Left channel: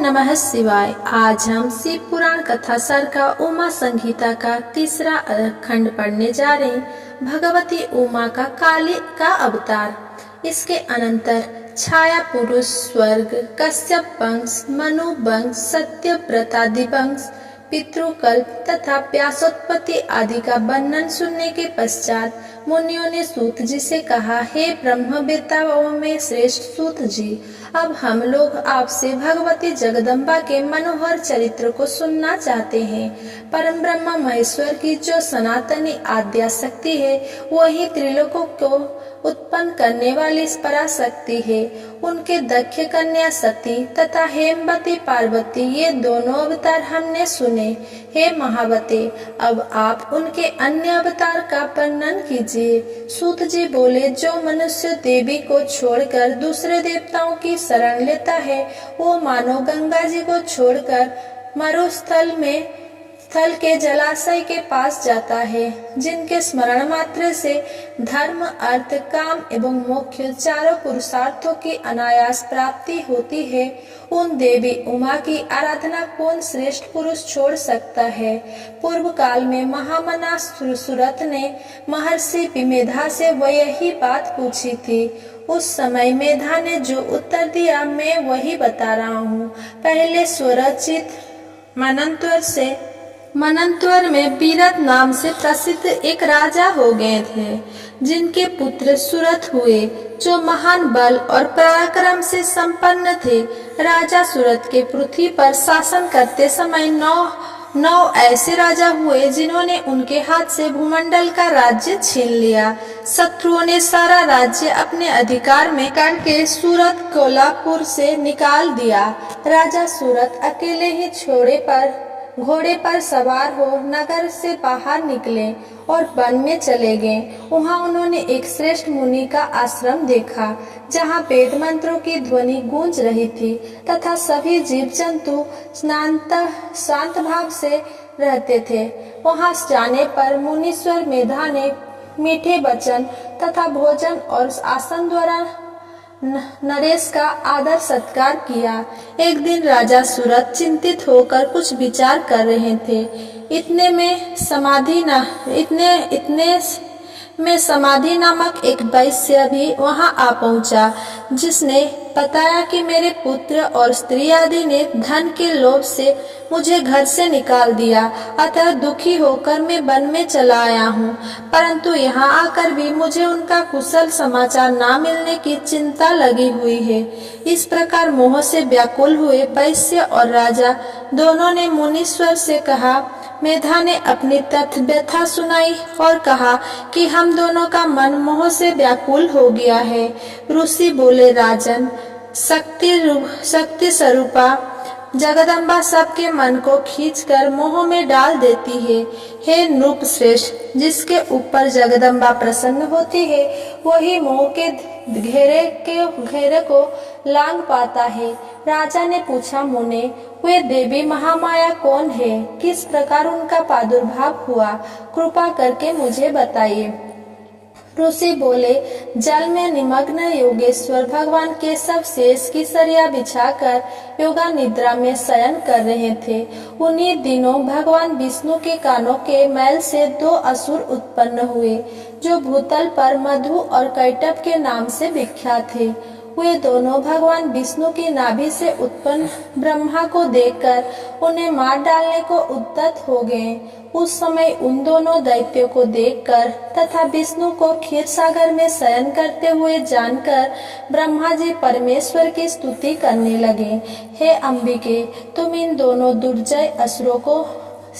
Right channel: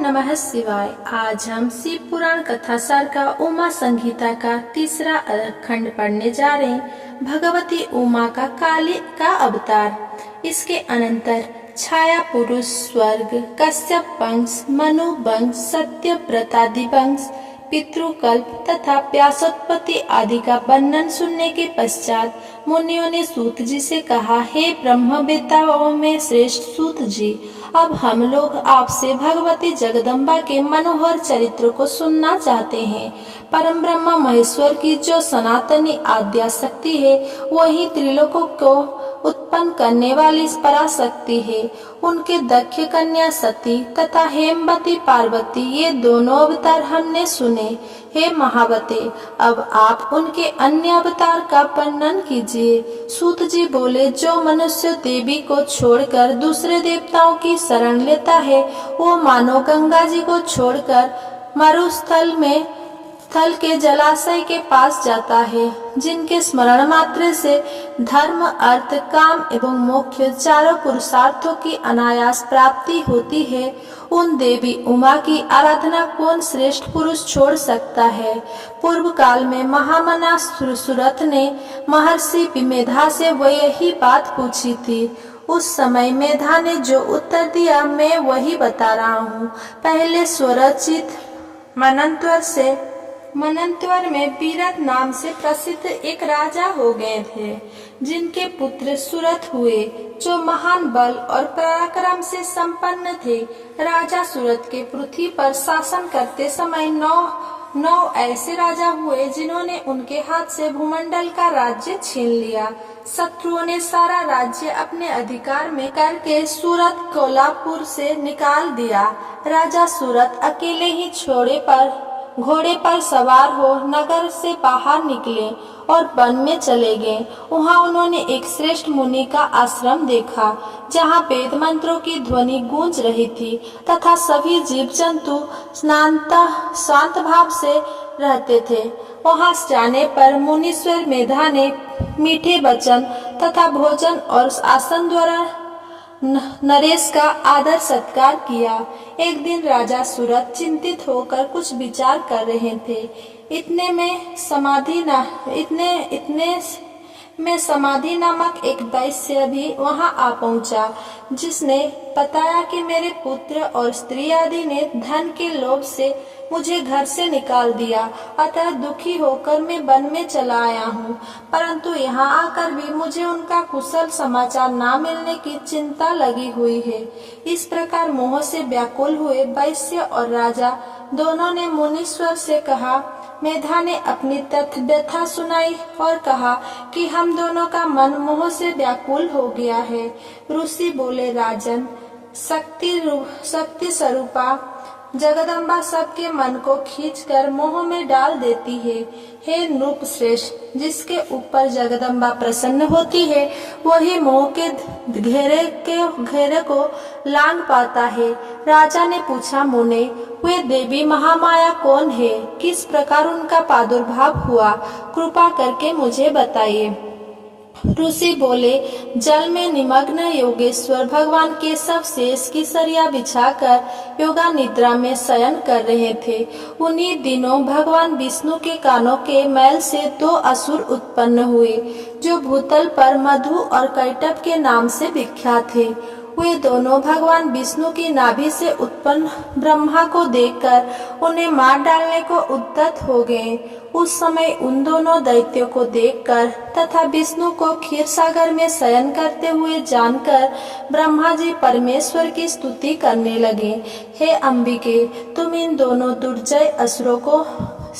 नमः शिवाय। आज हम शिव पुराण कथा सार का उमा संहिता का तीसरा खंड पढ़ने जा रहे हैं। भगवती उमा का काली का अवतार। इसके अनंतर छाया पुरुष स्वर्ग, कश्यप वंश, मनु वंश, सत्यव्रतादि वंश, पितृकल्प तथा व्यासोत्पत्ति आदि का वर्णन सुनने के पश्चात मुनियों ने सूत जी से कहा, हे ब्रह्मवेत्ताओं में श्रेष्ठ सूत जी, अब हम लोग आपसे भगवती जगदम्बा के मनोहर चरित्र को सुनना चाहते हैं। परम ब्रह्मा महेश्वर की जो सनातनी आद्या शक्ति है, वही त्रिलोकों को उत्पन्न करने वाली पराशक्ति है। उनके दक्ष कन्या सती तथा हेमवती पार्वती, ये दोनों अवतार हमने सुने। हे महावते, अब आप उनके अन्य अवतार का वर्णन कीजिए। सूत जी बोले, जो मनुष्य देवी को छोड़कर दूसरे देवताओं की शरण लेता है, वो मानो गंगा जी को छोड़कर मरुस्थल में स्थल के जलाशय के पास जाता है, जिनके स्मरण मात्र से धर्म, अर्थ, काम एवं मोक्ष चारों पुरुषार्थों की अनायास प्राप्ति होती है। उन देवी उमा की आराधना कौन श्रेष्ठ पुरुष छोड़ सकता है। पूर्व काल में महामना सुरथ ने महर्षि विमेधा से वह यही बात पूछी थी। उस समय मेधा ने जो उत्तर दिया, मैं वही बता रहा हूँ। पहले स्वरचित मनंतवर में बीरद नाम से प्रसिद्ध एक राजा हो गए थे, जिनके पुत्र सुरथ हुए, जो महान बल और पराक्रम से संपन्न थे। राजा सुरथ के पृथ्वी पर शासन करते समय नौ ऐसे राजा हुए, जिन्होंने उनके हाथ से भूमंडल का राज्य छीन लिया। शत्रुओं ने सारा राज्य अपने अधिकार में करके सूरत कोल्हापुर से निकाल दिया। राजा सूरत अकेले ही घोड़े पर सवार हो नगर से बाहर निकले और वन में चले गए। वहाँ उन्होंने एक श्रेष्ठ मुनि का आश्रम देखा, जहाँ वेद मंत्रों की ध्वनि गूंज रही थी तथा सभी जीव जंतु शांत भाव से रहते थे। वहाँ जाने पर मुनीश्वर मेधा ने मीठे वचन तथा भोजन और आसन द्वारा नरेश का आदर सत्कार किया। एक दिन राजा सूरत चिंतित होकर कुछ विचार कर रहे थे। इतने में समाधि नामक एक वैश्य भी वहां आ पहुंचा, जिसने बताया कि मेरे पुत्र और स्त्री आदि ने धन के लोभ से मुझे घर से निकाल दिया, अतः दुखी होकर मैं वन में चला आया हूँ। परंतु यहाँ आकर भी मुझे उनका कुशल समाचार ना मिलने की चिंता लगी हुई है। इस प्रकार मोह से व्याकुल हुए वैश्य और राजा दोनों ने मुनीश्वर से कहा। मेधा ने अपनी व्यथा सुनाई और कहा कि हम दोनों का मन मोह से व्याकुल हो गया है। ऋषि बोले, राजन, शक्ति स्वरूपा जगदम्बा सबके मन को खींचकर मोह में डाल देती है। हे नृप श्रेष्ठ, जिसके ऊपर जगदम्बा प्रसन्न होती है, वही मोह के घेरे को लांग पाता है। राजा ने पूछा, मुने, वे देवी महामाया कौन है? किस प्रकार उनका प्रादुर्भाव हुआ? कृपा करके मुझे बताइए। ऋषि बोले, जल में निमग्न योगेश्वर भगवान केशव शेष की सरिया बिछाकर योगा निद्रा में शयन कर रहे थे। उन्हीं दिनों भगवान विष्णु के कानों के मैल से दो असुर उत्पन्न हुए, जो भूतल पर मधु और कैटभ के नाम से विख्यात थे। वे दोनों भगवान विष्णु की नाभि से उत्पन्न ब्रह्मा को देखकर उन्हें मार डालने को उद्यत हो गए। उस समय उन दोनों दैत्यों को देखकर तथा विष्णु को क्षीर सागर में शयन करते हुए जानकर ब्रह्मा जी परमेश्वर की स्तुति करने लगे। हे अंबिके, तुम इन दोनों दुर्जय असुरों को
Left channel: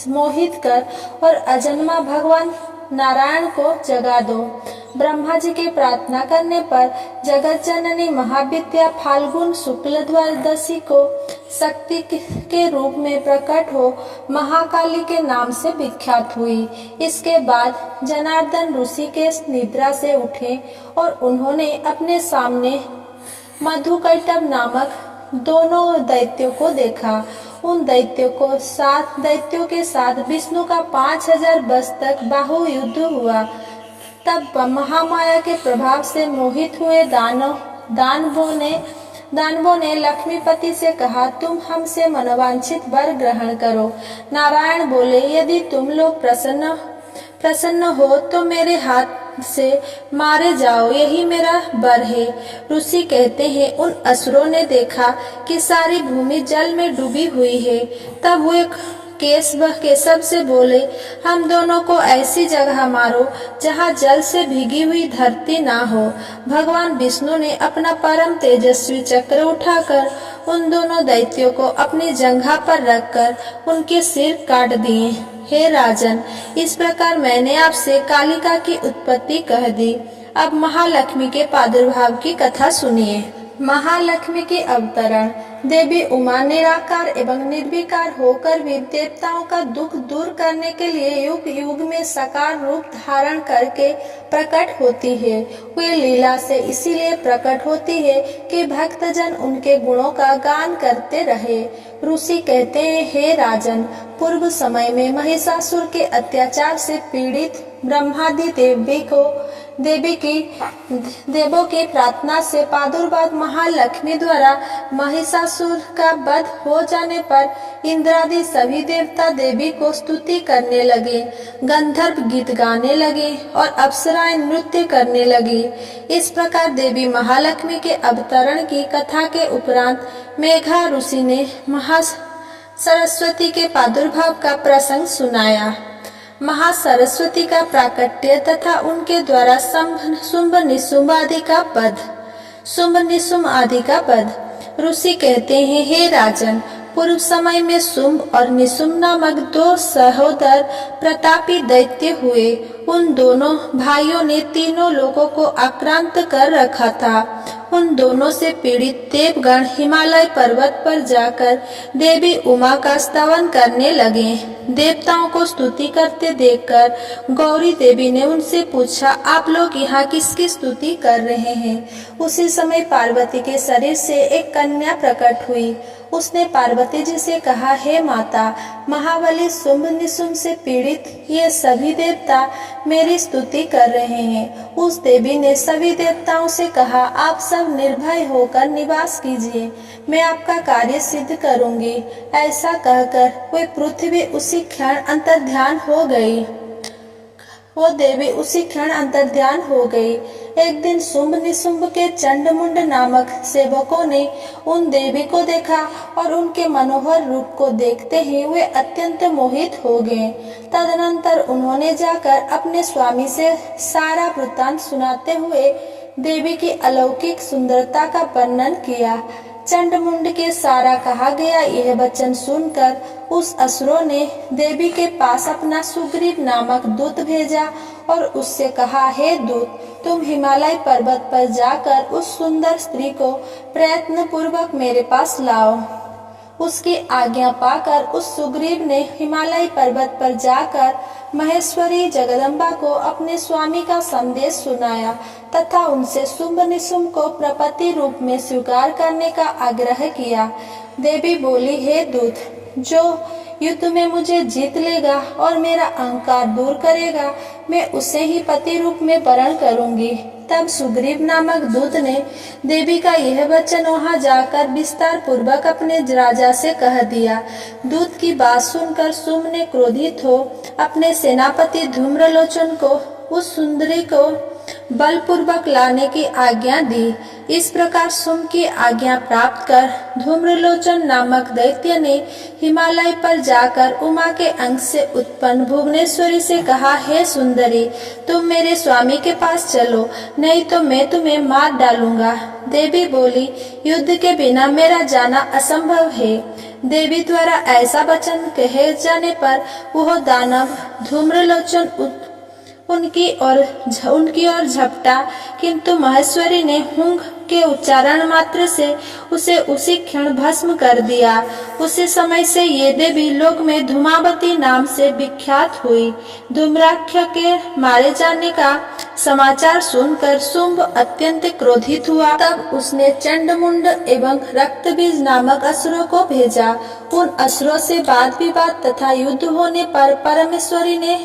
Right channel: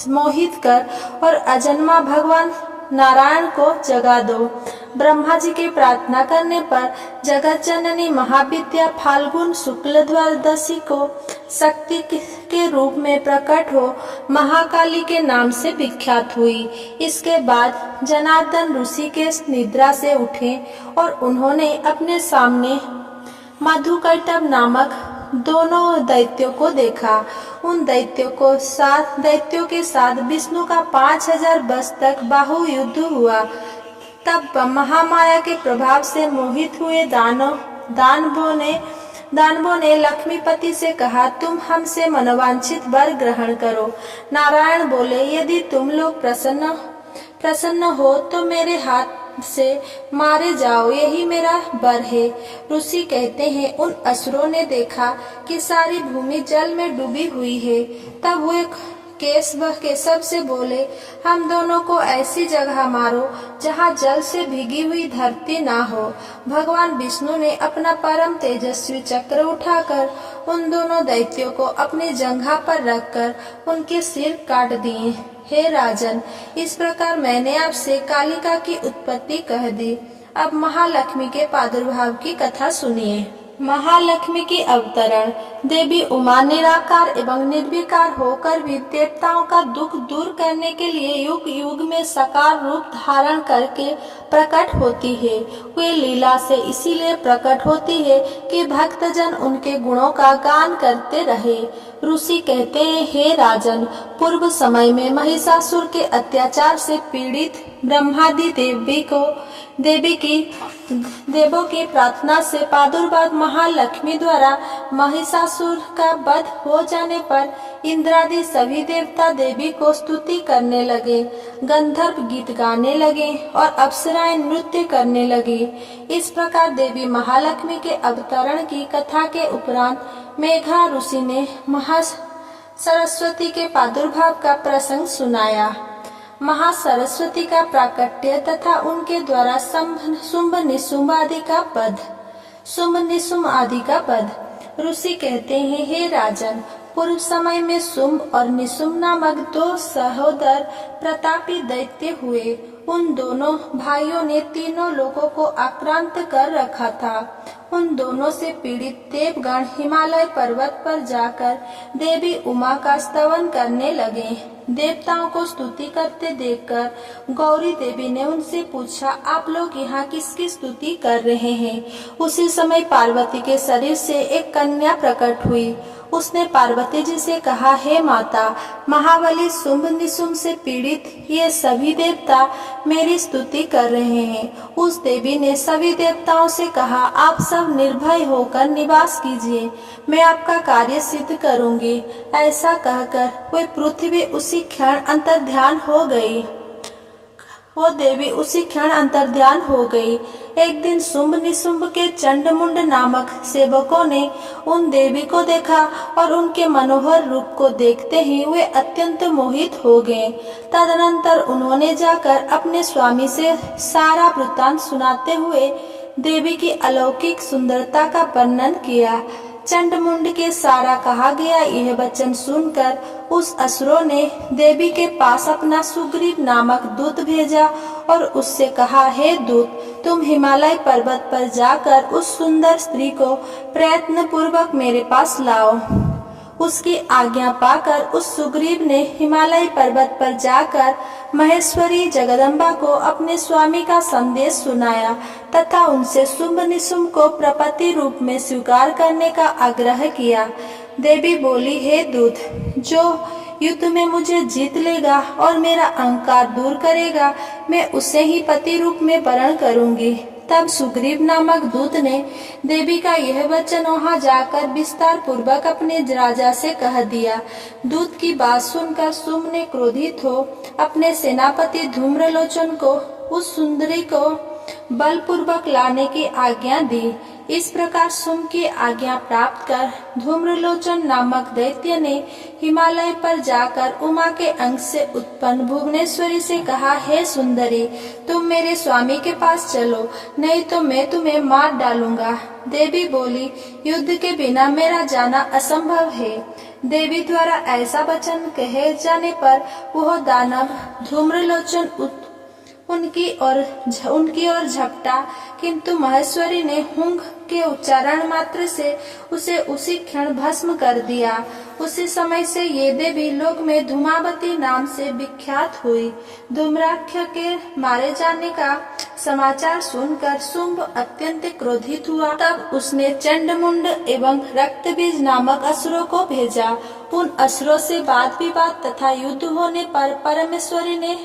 मोहित कर और अजन्मा भगवान नारायण को जगा दो। ब्रह्मा जी के प्रार्थना करने पर जगत जननी महाविद्या फाल्गुन शुक्ल द्वादशी को शक्ति के रूप में प्रकट हो महाकाली के नाम से विख्यात हुई। इसके बाद जनार्दन ऋषि के निद्रा से उठे और उन्होंने अपने सामने मधुकैटभ नामक दोनों दैत्यों को देखा। उन दैत्यों के साथ विष्णु का 5000 वर्ष तक बाहु युद्ध हुआ। तब महामाया के प्रभाव से मोहित हुए दानवों ने दानवों ने लक्ष्मीपति से कहा, तुम हमसे मनोवांछित वर ग्रहण करो। नारायण बोले, यदि तुम लोग प्रसन्न हो तो मेरे हाथ से मारे जाओ, यही मेरा वर है। ऋषि कहते हैं, उन असुरों ने देखा कि सारी भूमि जल में डूबी हुई है। तब वे केशव से बोले, हम दोनों को ऐसी जगह मारो जहाँ जल से भीगी हुई धरती ना हो। भगवान विष्णु ने अपना परम तेजस्वी चक्र उठाकर उन दोनों दैत्यों को अपनी जंघा पर रखकर उनके सिर काट दिए। हे राजन, इस प्रकार मैंने आपसे कालिका की उत्पत्ति कह दी। अब महालक्ष्मी के प्रादुर्भाव की कथा सुनिए। महालक्ष्मी की अवतरण। देवी उमा निराकार एवं निर्विकार होकर भी देवताओं का दुख दूर करने के लिए युग युग में साकार रूप धारण करके प्रकट होती है। वे लीला से इसीलिए प्रकट होती है कि भक्तजन उनके गुणों का गान करते रहे। ऋषि कहते हैं, हे राजन, पूर्व समय में महिषासुर के अत्याचार से पीड़ित ब्रह्मादि देवों की प्रार्थना से प्रादुर्भाव महालक्ष्मी द्वारा महिषासुर का वध हो जाने पर इंद्रादि सभी देवता देवी को स्तुति करने लगे, गंधर्व गीत गाने लगे और अप्सराएं नृत्य करने लगी। इस प्रकार देवी महालक्ष्मी के अवतरण की कथा के उपरांत मेघा ऋषि ने महासरस्वती के प्रादुर्भाव का प्रसंग सुनाया। महासरस्वती का प्राकट्य तथा उनके द्वारा शुंभ निशुंभ आदि का पद। ऋषि कहते हैं, हे राजन, पूर्व समय में शुंभ और निशुंभ नामक दो सहोदर प्रतापी दैत्य हुए। उन दोनों भाइयों ने तीनों लोगों को आक्रांत कर रखा था। उन दोनों से पीड़ित देवगण हिमालय पर्वत पर जाकर देवी उमा का स्तवन करने लगे। देवताओं को स्तुति करते देखकर गौरी देवी ने उनसे पूछा, आप लोग यहाँ किसकी स्तुति कर रहे हैं? उसी समय पार्वती के शरीर से एक कन्या प्रकट हुई। उसने पार्वती जी से कहा, हे माता, महाबली शुंभ निशुंभ से पीड़ित ये सभी देवता मेरी स्तुति कर रहे हैं। उस देवी ने सभी देवताओं से कहा, आप सब निर्भय होकर निवास कीजिए, मैं आपका कार्य सिद्ध करूंगी। ऐसा कहकर वे पृथ्वी उसी क्षण अंतर्ध्यान हो गई। वो देवी उसी क्षण अंतर्ध्यान हो गई। एक दिन शुंभ निशुंभ के चंडमुंड नामक सेवकों ने उन देवी को देखा और उनके मनोहर रूप को देखते ही वे अत्यंत मोहित हो गए। तदनंतर उन्होंने जाकर अपने स्वामी से सारा वृत्तांत सुनाते हुए देवी की अलौकिक सुंदरता का वर्णन किया। चंडमुंड के सारा कहा गया यह वचन सुनकर उस असुरों ने देवी के पास अपना सुग्रीव नामक दूत भेजा और उससे कहा, हे दूत, तुम हिमालय पर्वत पर जाकर उस सुंदर स्त्री को प्रयत्न पूर्वक मेरे पास लाओ। उसकी आज्ञा पाकर उस सुग्रीव ने हिमालय पर्वत पर जाकर महेश्वरी जगदम्बा को अपने स्वामी का संदेश सुनाया तथा उनसे शुंभ निशुंभ को प्रपति रूप में स्वीकार करने का आग्रह किया। देवी बोली, हे दूत, जो युद्ध में मुझे जीत लेगा और मेरा अहंकार दूर करेगा, मैं उसे ही पति रूप में वरण करूंगी। तब सुग्रीव नामक दूत ने देवी का यह वचन वहां जाकर विस्तार पूर्वक अपने राजा से कह दिया। दूत की बात सुनकर शुंभ ने क्रोधित हो अपने सेनापति धूम्रलोचन को उस सुंदरी को बलपूर्वक लाने की आज्ञा दी। इस प्रकार शुंभ की आज्ञा प्राप्त कर धूम्रलोचन नामक दैत्य ने हिमालय पर जाकर उमा के अंग से उत्पन्न भुवनेश्वरी से कहा, हे सुंदरी, तुम मेरे स्वामी के पास चलो, नहीं तो मैं तुम्हें मार डालूंगा। देवी बोली, युद्ध के बिना मेरा जाना असंभव है। देवी द्वारा ऐसा वचन कहे जाने पर वह दानव धूम्रलोचन उनकी ओर झपटा, किंतु महेश्वरी ने हुंग के उच्चारण मात्र से उसे उसी क्षण भस्म कर दिया। उसी समय से ये देवी लोक में धूमावती नाम से विख्यात हुई। धूम्राक्ष के मारे जाने का समाचार सुनकर शुंभ अत्यंत क्रोधित हुआ। तब उसने चंडमुंड एवं रक्तबीज नामक असुरों को भेजा। उन असुरों से वाद विवाद तथा युद्ध होने पर परमेश्वरी ने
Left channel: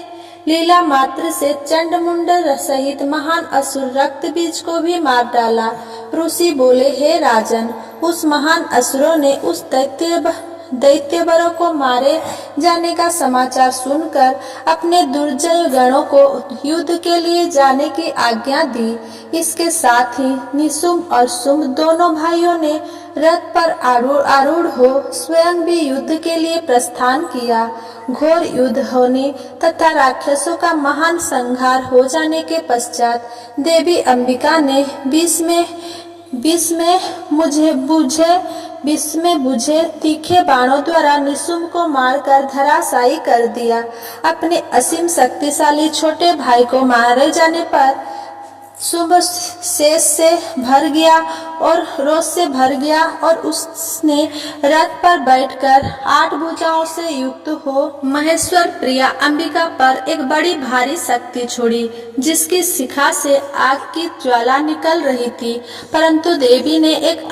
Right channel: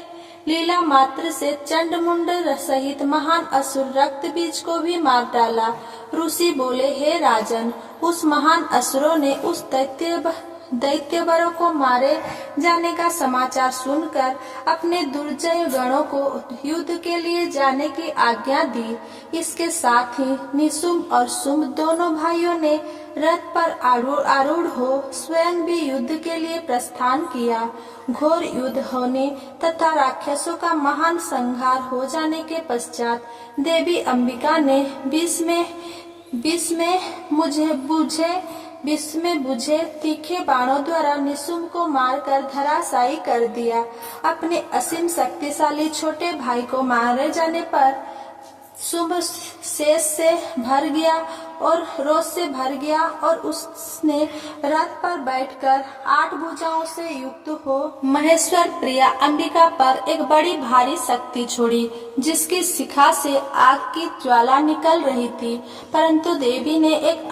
लीला मात्र से चंडमुंड सहित महान असुर रक्त बीज को भी मार डाला। ऋषि बोले, हे राजन, उस महान असुरों ने उस दैत्यवरों को मारे जाने का समाचार सुनकर अपने दुर्जय गणों को युद्ध के लिए जाने की आज्ञा दी। इसके साथ ही निशुम्भ और शुम्भ दोनों भाइयों ने रथ पर आरूढ़ हो स्वयं भी युद्ध के लिए प्रस्थान किया। घोर युद्ध होने तथा राक्षसों का महान संहार हो जाने के पश्चात देवी अंबिका ने विष में बुझे तीखे बाणों द्वारा निशुम्भ को मारकर धराशायी कर दिया। अपने असीम शक्तिशाली छोटे भाई को मारे जाने पर शुंभ शेष से भर गया और रोष से भर गया और उसने रथ पर बैठकर 8 भुजाओं से युक्त हो महेश्वर प्रिया अंबिका पर एक बड़ी भारी शक्ति छोड़ी, जिसकी शिखा से आग की ज्वाला निकल रही थी, परंतु देवी ने एक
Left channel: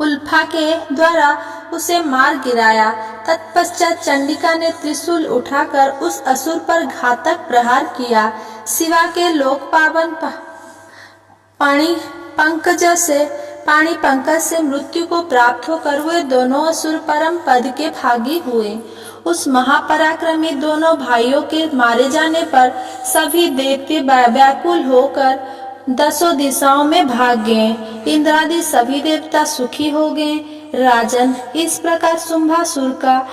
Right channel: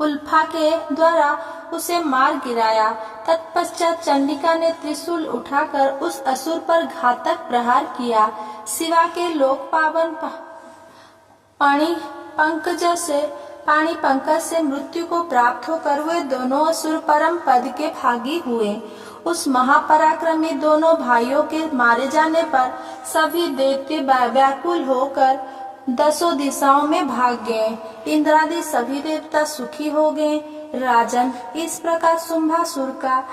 उल्फा के द्वारा उसे मार गिराया। तत्पश्चात चंडिका ने त्रिशूल उठाकर उस असुर पर घातक प्रहार किया। शिवा के लोक पावन पाणी पंकज से मृत्यु को प्राप्त होकर वे दोनों असुर परम पद के भागी हुए। उस महापराक्रमी दोनों भाइयों के मारे जाने पर सभी देवते व्याकुल होकर 10 दिशाओं में भाग गए। इंद्रादि सभी देवता सुखी हो गए। राजन, इस प्रकार शुंभासुर का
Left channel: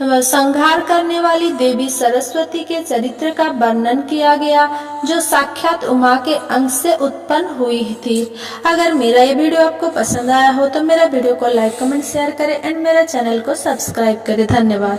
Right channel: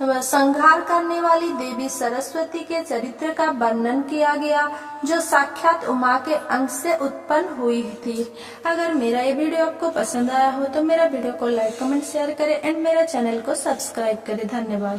संहार करने वाली देवी सरस्वती के चरित्र का वर्णन किया गया, जो साक्षात उमा के अंश से उत्पन्न हुई थी। अगर मेरा ये वीडियो आपको पसंद आया हो तो मेरा वीडियो को लाइक, कमेंट, शेयर करें एंड मेरा चैनल को सब्सक्राइब करें। धन्यवाद।